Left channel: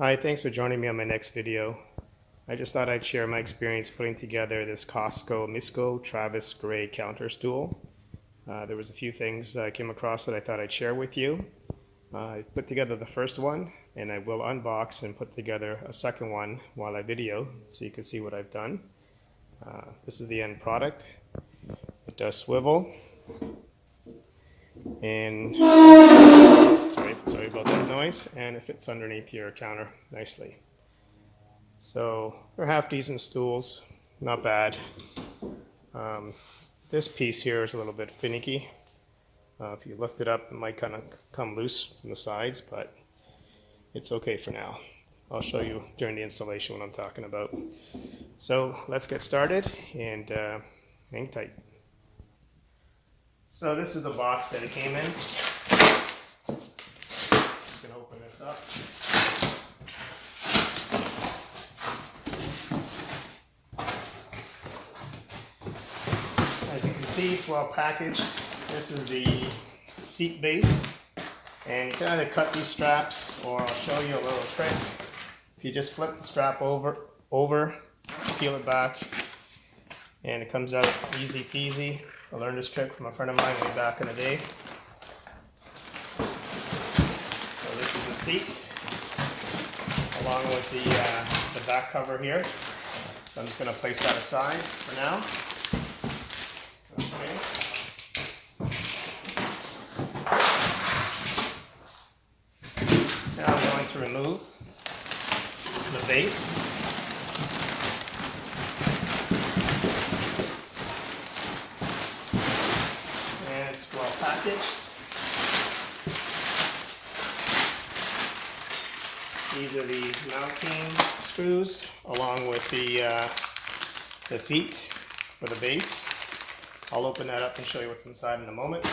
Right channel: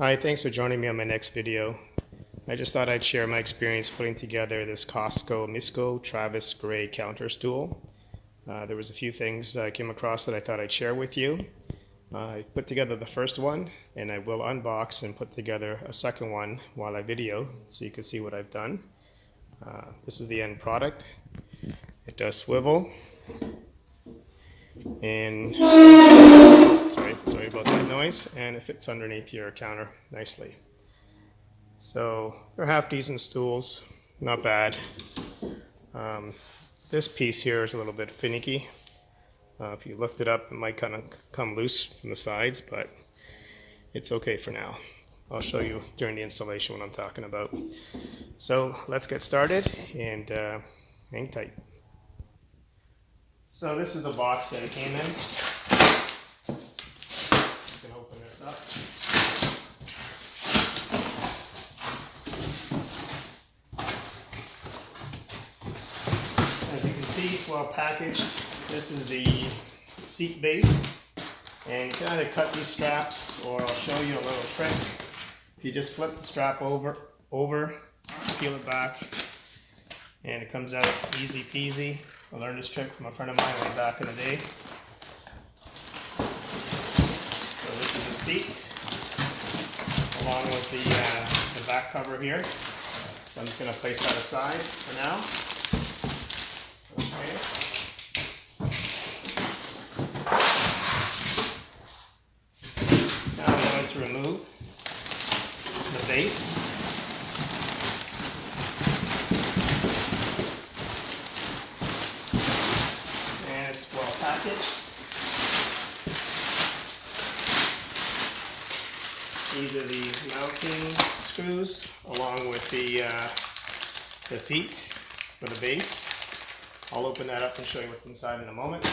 Hi, thanks for joining me on my next video. I just thought I'd share my experience putting together this Costco Amisco Travis Gray counter stool. There was a few things I came across that I thought I'd share with you. I put together the first one, and I will unbox and put together a second one while I video so you can see what I've done. This is the end product. It does swivel, and sorry about that noise, and it fits underneath your counter nicely. So they're half decent stools, not bad. This piece here is a little bit finicky. If you lift it up, it might kind of come loose from the sides, but it's okay for now. I'll show you during the installation what I'm talking about. So let's get started and hang tight. So this is the box that it came in. You can open this up. As you can see, it's well packaged. This is the seat base, and you can either cut these straps, or I'll show you a little trick. If you just flip the strap over, peel it back, and it comes out easy peasy. I learned this trick from a friend of mine way back in the day. So this is the seat, along with the back cover here. So I'm just going to place that aside for now. Okay. Now I'm going to remove the base. And it's well packaged. These are the mounting screws along with the feet for the base. I'll open that up and show you what's inside in a moment.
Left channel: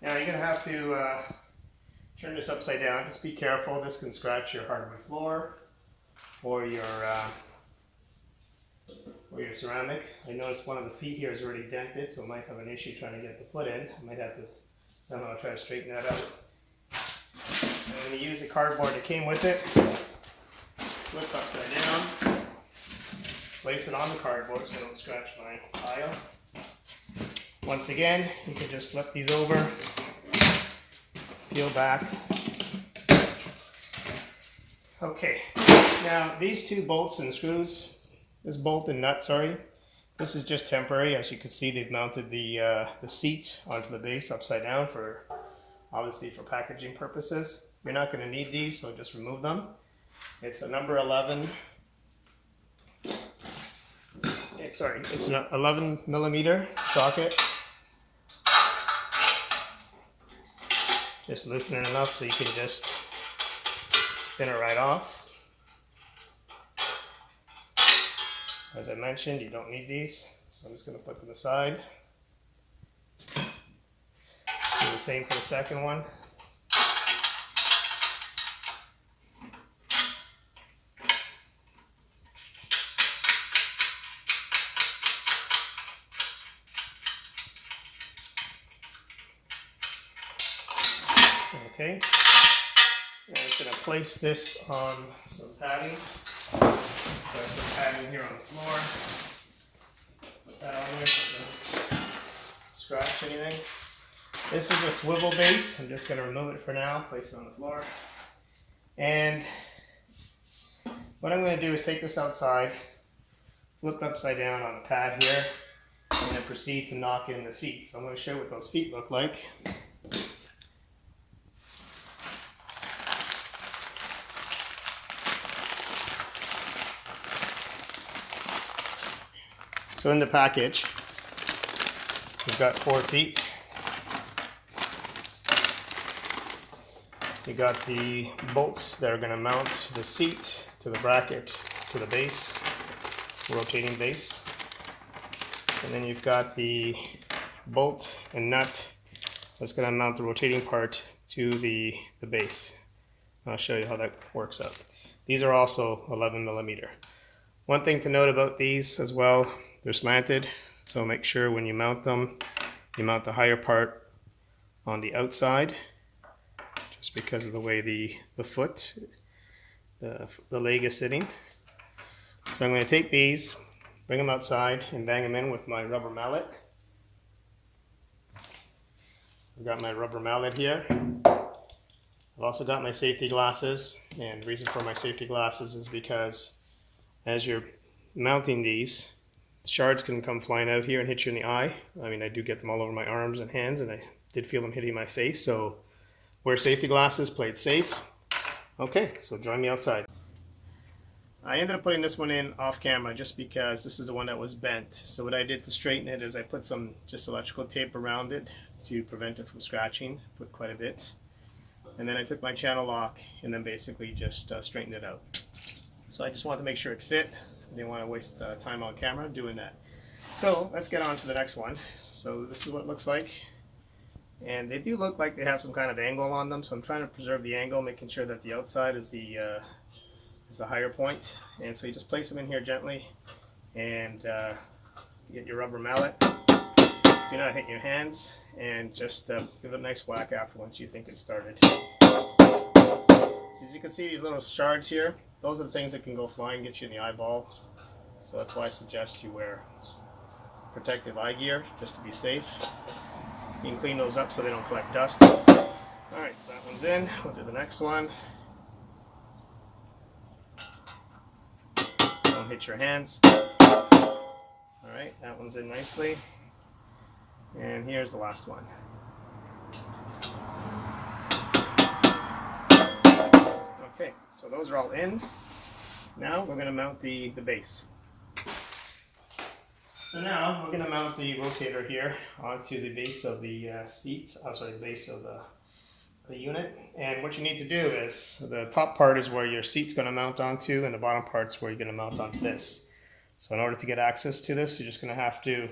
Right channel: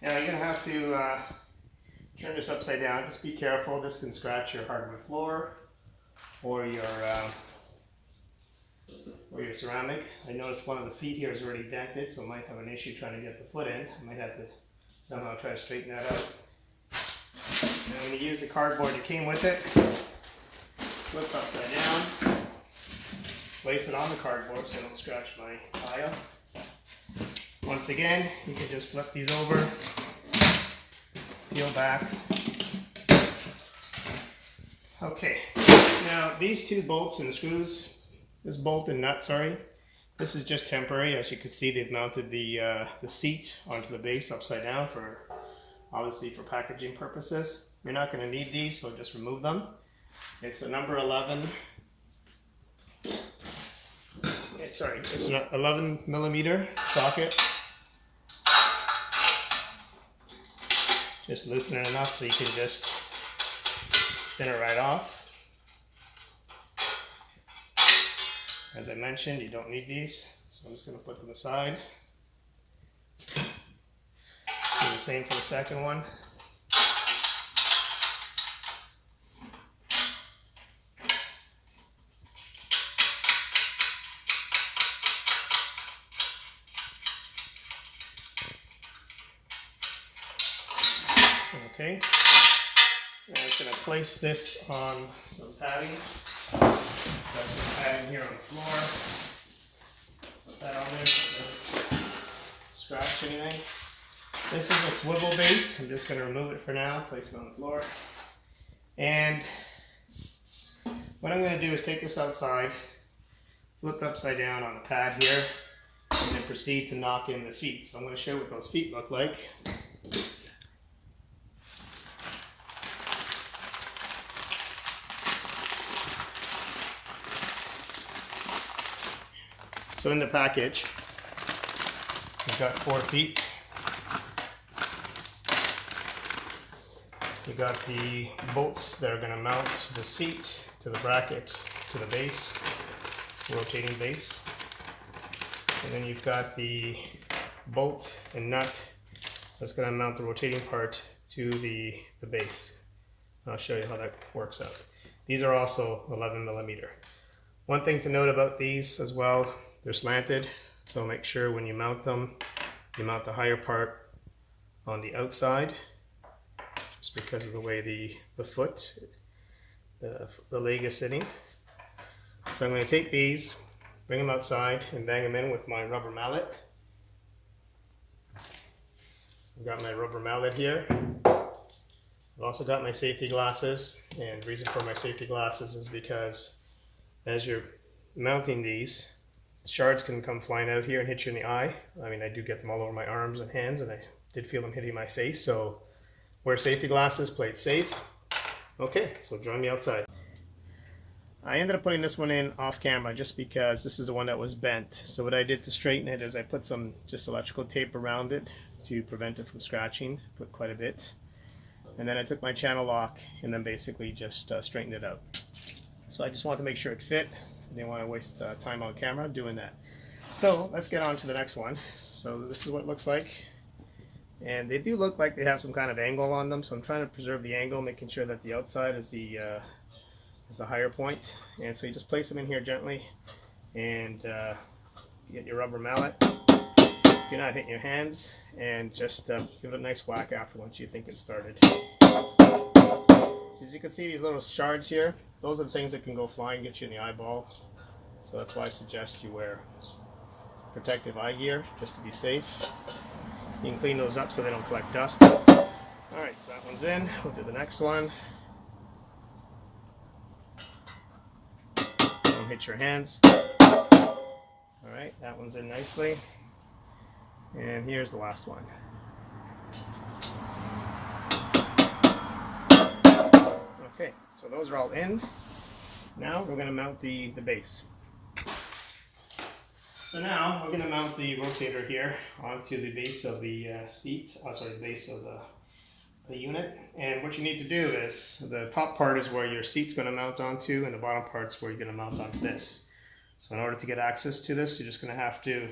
Now you're going to have to turn this upside down. Just be careful. This can scratch your hardwood floor or your ceramic. I noticed one of the feet here is already dented, so I might have an issue trying to get the foot in. I might have to somehow try to straighten that out. And I'm going to use the cardboard that came with it. Flip upside down. Place it on the cardboard so I don't scratch my tile. Once again, you can just flip these over, peel back. Okay, now these two bolts and screws, this bolt and nut, this is just temporary. As you can see, they've mounted the seat onto the base upside down obviously for packaging purposes. You're not going to need these, so just remove them. It's a number 11. It's an 11 millimeter socket. Just loosen it enough so you can just spin it right off. As I mentioned, you don't need these, so I'm just going to put them aside. Do the same for the second one. Okay, now I'm just going to place this on some padding. Got some padding here on the floor. Put that on there so it doesn't scratch anything. This is a swivel base. I'm just going to remove it for now, place it on the floor. And what I'm going to do is take this outside, flip it upside down on the pad here, and then proceed to knock in the feet. So I'm going to show you what those feet look like. So in the package, we've got 4 feet. You got the bolts that are going to mount the seat to the bracket to the base, the rotating base. And then you've got the bolt and nut that's going to mount the rotating part to the base. I'll show you how that works out. These are also 11 millimeter. One thing to note about these as well, they're slanted, so make sure when you mount them, you mount the higher part on the outside, just because of the way the foot, the leg is sitting. So I'm going to take these, bring them outside, and bang them in with my rubber mallet. I've got my rubber mallet here. I've also got my safety glasses, and the reason for my safety glasses is because as you're mounting these, shards can come flying out here and hit you in the eye. I mean, I do get them all over my arms and hands, and I did feel them hitting my face, so wear safety glasses, play it safe. Okay, so join me outside. I ended up putting this one in off camera just because this is the one that was bent. So what I did to straighten it is I put some just electrical tape around it to prevent it from scratching, put quite a bit. And then I took my channel lock and then basically just straightened it out. So I just wanted to make sure it fit. I didn't want to waste time on camera doing that. So let's get on to the next one. So this is what it looks like. And they do look like they have some kind of angle on them, so I'm trying to preserve the angle, making sure that the outside is the higher point. And so you just place them in here gently, and you get your rubber mallet. You're not hitting your hands, and just give it a nice whack after once you think it's started. So as you can see, these little shards here, those are the things that can go flying and get you in the eyeball. So that's why I suggest you wear protective eye gear, just to be safe. You can clean those up so they don't collect dust. Alright, so that one's in. We'll do the next one. Don't hit your hands. Alright, that one's in nicely. And here's the last one. Okay, so those are all in. Now we're going to mount the base. So now we're going to mount the rotator here onto the base of the seat, the base of the unit. And what you need to do is, the top part is where your seat's going to mount onto, and the bottom part's where you're going to mount onto this. So in order to get access to this, you're just going to have to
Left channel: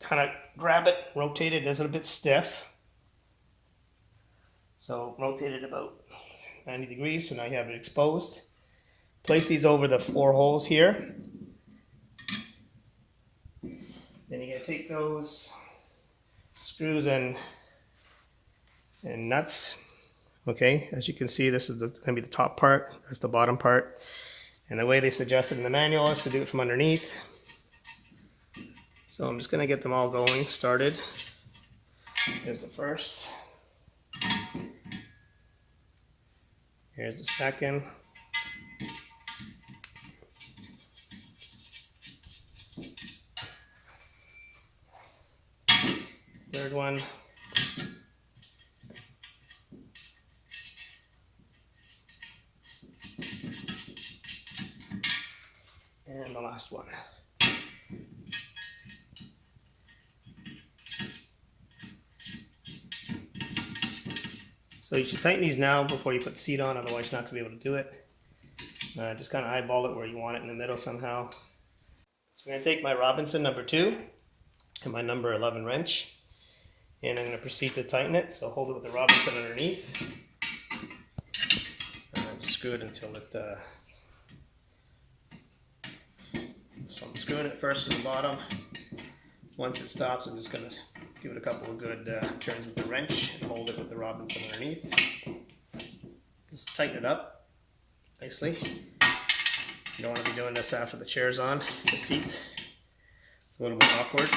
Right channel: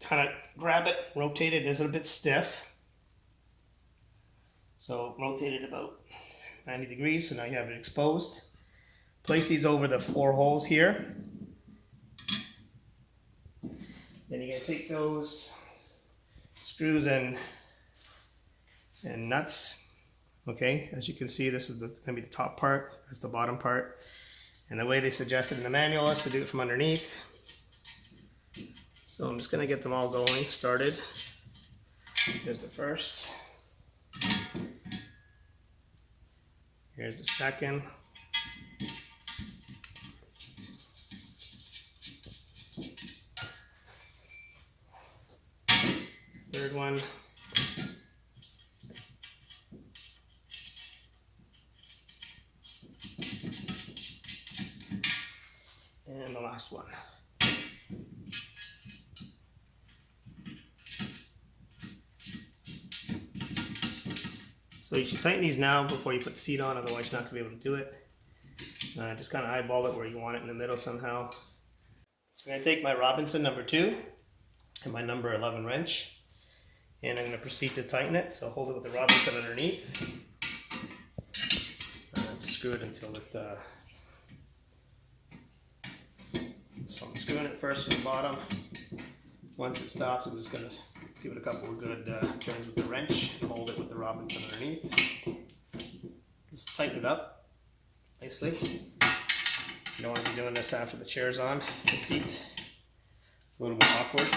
kind of grab it, rotate it. It's a bit stiff. So rotate it about 90 degrees, so now you have it exposed. Place these over the 4 holes here. Then you're going to take those screws and nuts. Okay, as you can see, this is going to be the top part, that's the bottom part. And the way they suggested in the manual is to do it from underneath. So I'm just going to get them all going, started. Here's the first. Here's the second. Third one. And the last one. So you should tighten these now before you put the seat on, otherwise you're not going to be able to do it. Just kind of eyeball it where you want it in the middle somehow. So I'm going to take my Robinson number 2 and my number 11 wrench, and I'm going to proceed to tighten it. So hold it with the Robinson underneath. Just screw it until it... So I'm screwing it first from the bottom. Once it stops, I'm just going to give it a couple of good turns with the wrench and hold it with the Robinson underneath. Just tighten it up nicely. You don't want to be doing this after the chair's on the seat. It's a little bit awkward.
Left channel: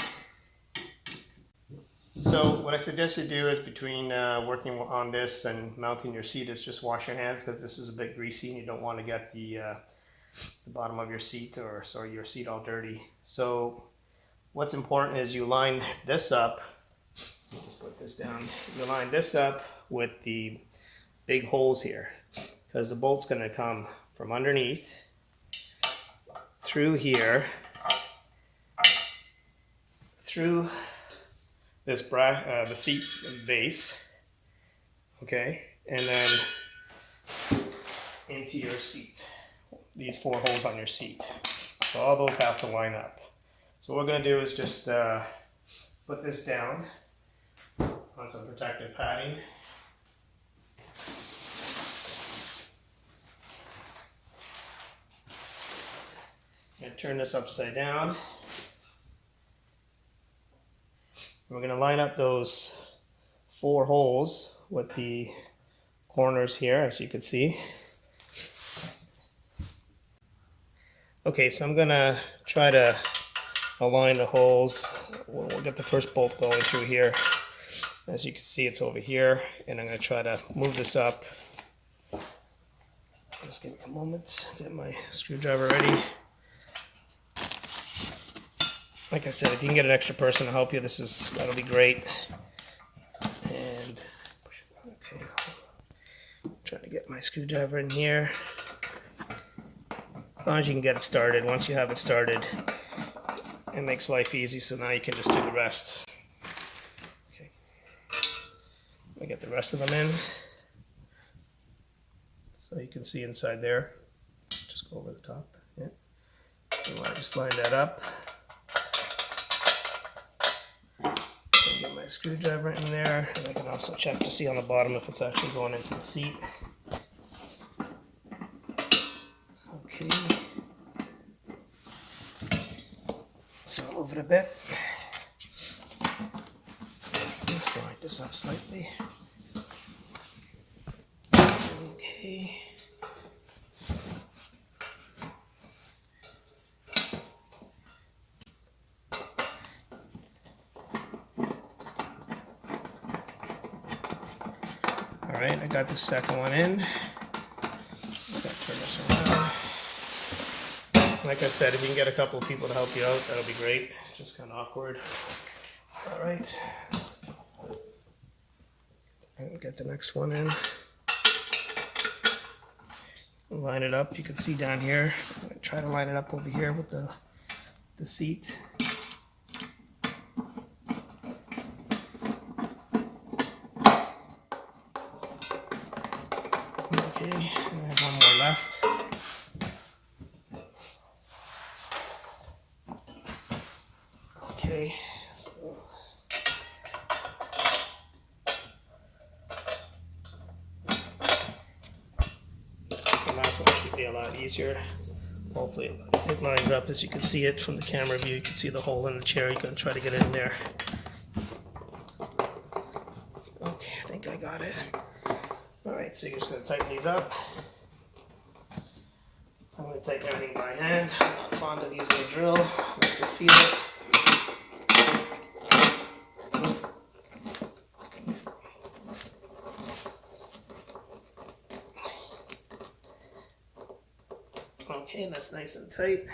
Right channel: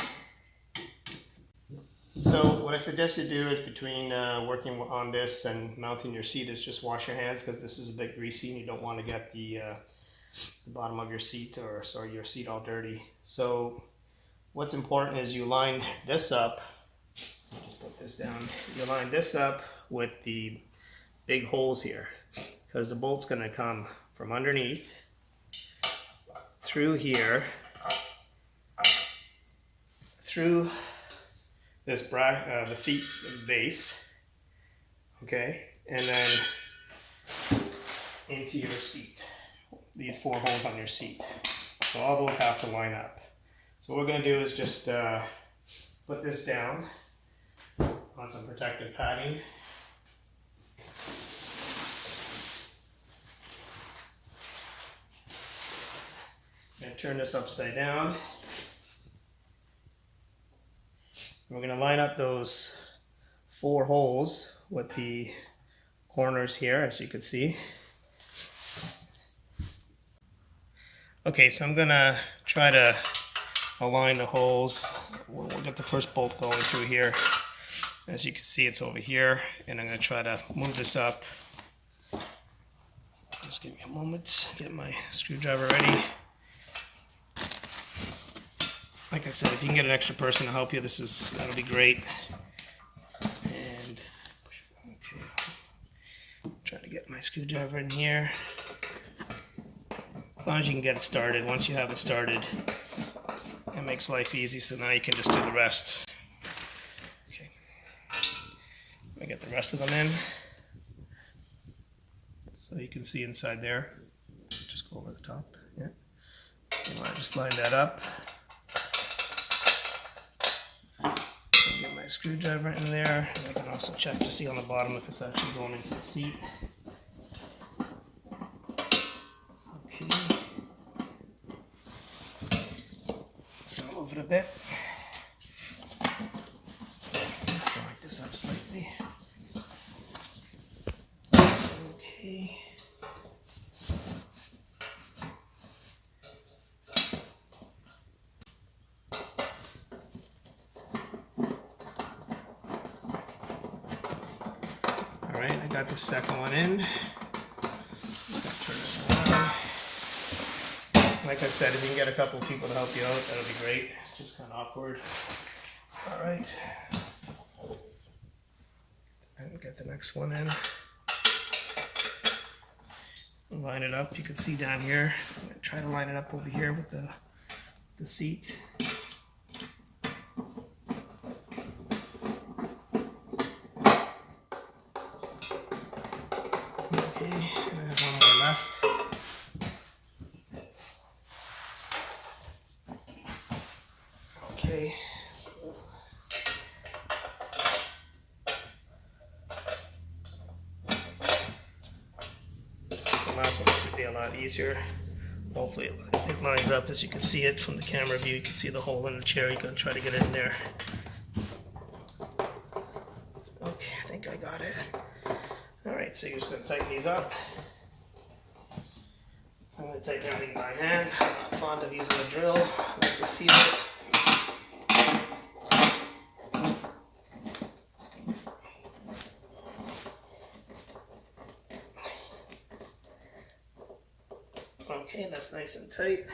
So what I suggest you do is between working on this and mounting your seat is just wash your hands, because this is a bit greasy and you don't want to get the bottom of your seat or your seat all dirty. So what's important is you line this up. Let's put this down. You line this up with the big holes here, because the bolt's going to come from underneath through here, through this the seat base, okay, and then into your seat. These 4 holes on your seat. So all those have to line up. So what we're going to do is just put this down on some protective padding. turn this upside down. We're going to line up those 4 holes with the corners here, as you can see. Okay, so I'm going to try to align the holes. We'll get the first bolt going through here. As you can see, it's over here, and I'm going to try to move this up. Just give me a moment, get my screwdriver ready. Like I said, if you can get an extra person to help you, that'll be great. And okay, trying to get my screwdriver in here. As long as you can get it started. Once you have it started, it makes life easy. So now you can just do the rest. Okay, I get the rest of them in, so you can see inside there. Just go over the top. Yeah, you want to just line that up. Get my screwdriver in there, and I can also check to see on the bottom if it's actually going into the seat. Okay, just gonna move it a bit. Just line this up slightly. Okay. Alright, I got the second one in. Just gotta turn this around. Like I said, if you can get a couple of people to help you out, that'll be great. It's just kind of awkward. Alright. Get the next one in. Line it up. You can see down here. I'm gonna try to line it up over here with the seat. Okay, and I have one more left. Okay, so the last one should be a lot easier. Hopefully it lines up as you can see it from the camera view. You can see the hole in the chair. You can try to get it in there. Okay, I think I got it. Alright, so you're just going to tighten these up. I'm going to tighten everything by hand. I'm not fond of using a drill. I like to feel it. Okay, that's nice and tight.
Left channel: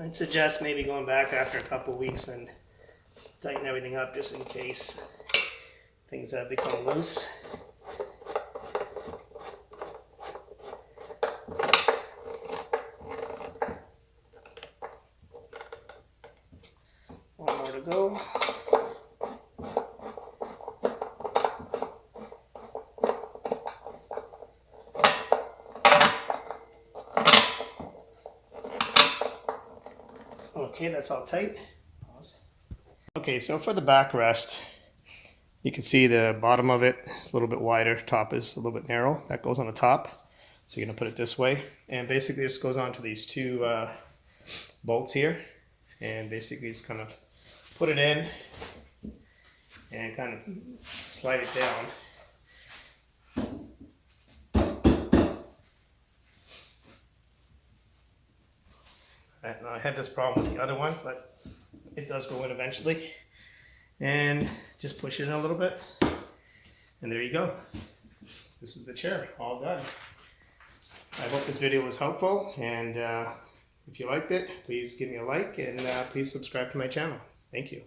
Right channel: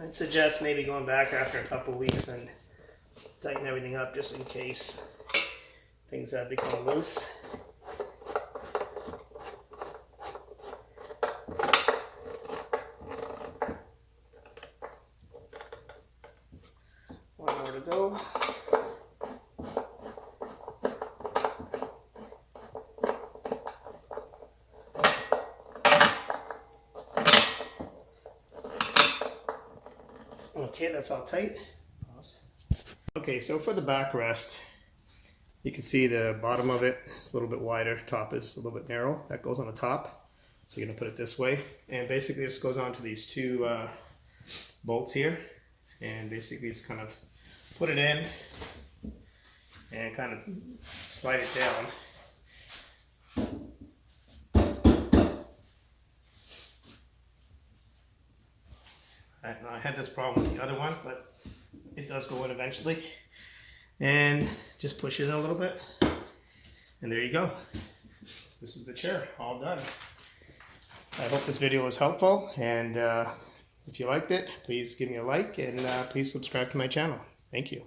I'd suggest maybe going back after a couple weeks and tighten everything up just in case things have become loose. One more to go. Okay, that's all tight. Awesome. Okay, so for the backrest, you can see the bottom of it is a little bit wider, top is a little bit narrow. That goes on the top. So you're gonna put it this way. And basically this goes onto these 2 bolts here. And basically just kind of put it in and kind of slide it down. I had this problem with the other one, but it does go in eventually. And just push it in a little bit. And there you go. This is the chair, all done. I hope this video was helpful, and if you liked it, please give me a like, and please subscribe to my channel. Thank you.